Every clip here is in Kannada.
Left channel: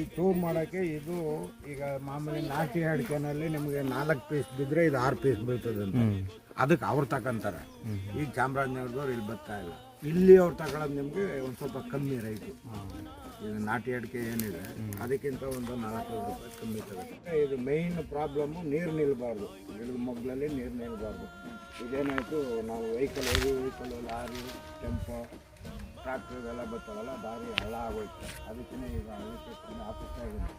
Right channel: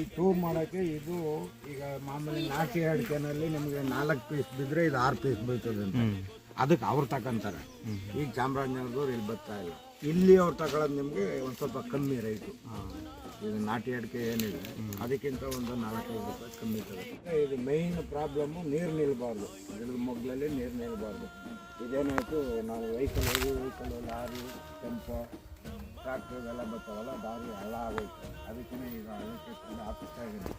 ಈ ಚೂರು ಮಾಡೋಕ್ಕೆ ಇದು ಈಗ ಮಾಮೂಲಿ ನಾಟಿ ಅಡಿಕೆನಲ್ಲಿ ನಿಮಗೆ 4 ಪೀಸ್ ಬಿದ್ದರೆ ಇದು 6 ಪೀಸ್ ಬೀಳ್ತದೆ ಅಂತ ಅದಕ್ಕೆ ಅವ್ರು ತಗೊಂತಾರೆ. ಈಗ ಚಾಮರಾಜನಗರದವ್ರು ಇಲ್ಲಿ ಬರ್ತಾ ಇಲ್ಲ, ಇಲ್ಲಿ ಅವ್ರು ತಗೊಳ್ಳೋದು ನಿಮಗೆ ಒಂದು ಸ್ವಲ್ಪ ಕಮ್ಮಿ ರೈಟು. ಇದು ನಾಟಿ ಅಡಿಕೆ ಏನಿದೆ ಅದಕ್ಕಿಂತ ಒಂದು 4-5 ರೂಪಾಯಿ ಕಮ್ಮಿ ತಗುತ್ತೆ. ಇದು ಮೇಯ್ನ್ ಪ್ರಾಬ್ಲಮ್ಮು ನೀರು ನಿಲ್ಲಬಾರ್ದು, ಗಿಡದ ಮೊಗ್ಲಲ್ಲಿ ನೀರು ನಿಲ್ಲಬಾರ್ದು. ಇದೇನಾಯಿತು, ನಾವು ವೆಹಿಕಲ್ ಲಾರಿ ಟೆಂಪೋ ಟ್ರ್ಯಾಕ್ಟ್ರ್ ಇವೆಲ್ಲ ಬರ್ತಾವಲ್ಲ, ದಾರಿ ಹಳ್ಳ ಆಗೋಯ್ತು. ಅದಕ್ಕೇ ಈಗ ಅದಕ್ಕೆ ತುಂಬ ಆಪತ್ತಾಗಿದೆ.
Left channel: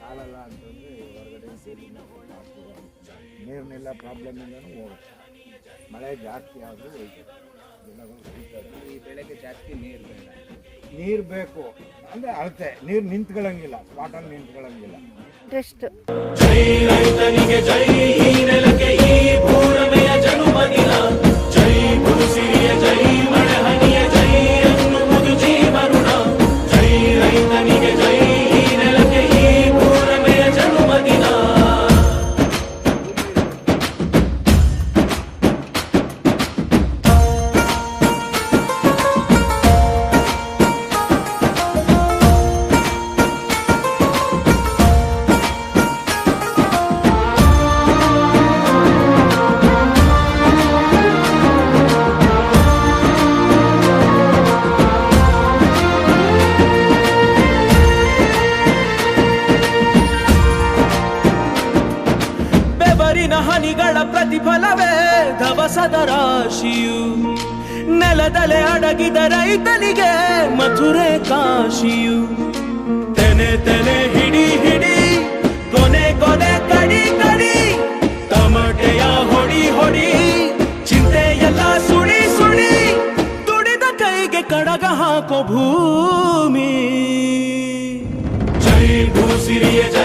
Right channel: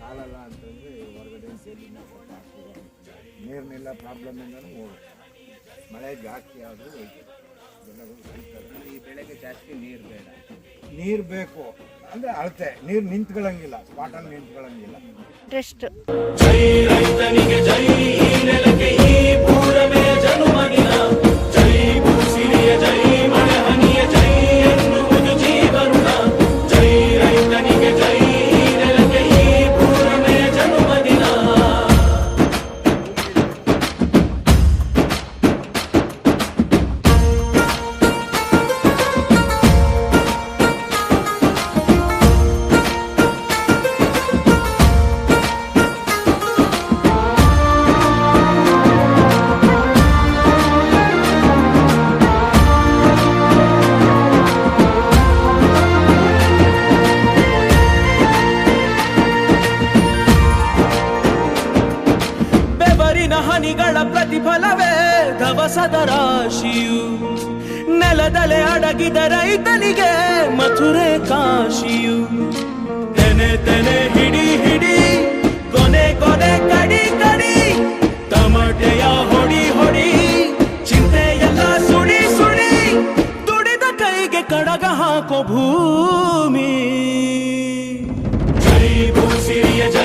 ಸಾಲಲ್ಲ ಅಂತಂದರೆ ಹೊರಗಡೆ ನೀರಿನಿಲ್ಲ ಪ್ರಾಬ್ಲಮಿಂದನೂ ಹೋಗುತ್ತೆ. ಮಳೆ ಜಾಸ್ತಿ ಆದರೂ ಹೋಯ್ತು, ಜನಗಳು ಹೋಗ್ತಾರೆ. ಈ ಬೆಳೆಗೆ ಜಾಸ್ತಿ ನೀರು ಬೇಡ, ನೀರು ಬೇಕು ಅಂದರೆ ಅಳತೆ ನೀರು ನಿಂತ್ಕೊಳ್ಳಂಗಿಲ್ಲ, ಸ್ಪಾಟಲ್ಲಿ ನಿಂತ್ಕೊಳ್ಳಂಗಿಲ್ಲ. ಟೆಸ್ಟ್ ಜೈ ರೈತನಿಗೆ ಜೈ, ಈ ನೆಲಕ್ಕೆ ಈ ಪೂರಮೆಯ ಜನುಮದಿನ. ಜೈ ಭೂಸಿರಿಯ ಜೈ, ಮಳೆ ಹನಿಯ ಜೈ ಎನ್ನುವುದು ಜೀವರುಣ. ಜೈ ರೈತನಿಗೆ ಜೈ, ಈ ನೆಲಕ್ಕೆ ಈ ಪೂರಮೆಯ ಜನುಮದಿನ. ಬೆವರಿನ ಹನಿಗಳ ಪ್ರತಿಫಲವೇ ಧವಸದ ರಾಶಿಯು. ನೆಲದಲೆ ಅಡಗಿದ ರೈತನಿಗೆ ಮಥುರೆ ಕಾಶಿಯು. ತೆನೆ ತೆನೆ ಹಿಡಿ ಹಿಡಿ, ಕೊನೆ ಕೊನೆ ಕಡಿ ಕಡಿ, ತಮಟೆಯ ಹೊಡಿ ಹೊಡಿ, ಚಿಂತೆಯೆಲ್ಲ ಸುಡಿ ಸುಡಿ, ದುಡಿದ ಕೈಗೆ ಕಡಗ ಹಾಕೋ ಭೂಮಿ. ಜೈ ಭೂಸಿರಿಯ ಜೈ.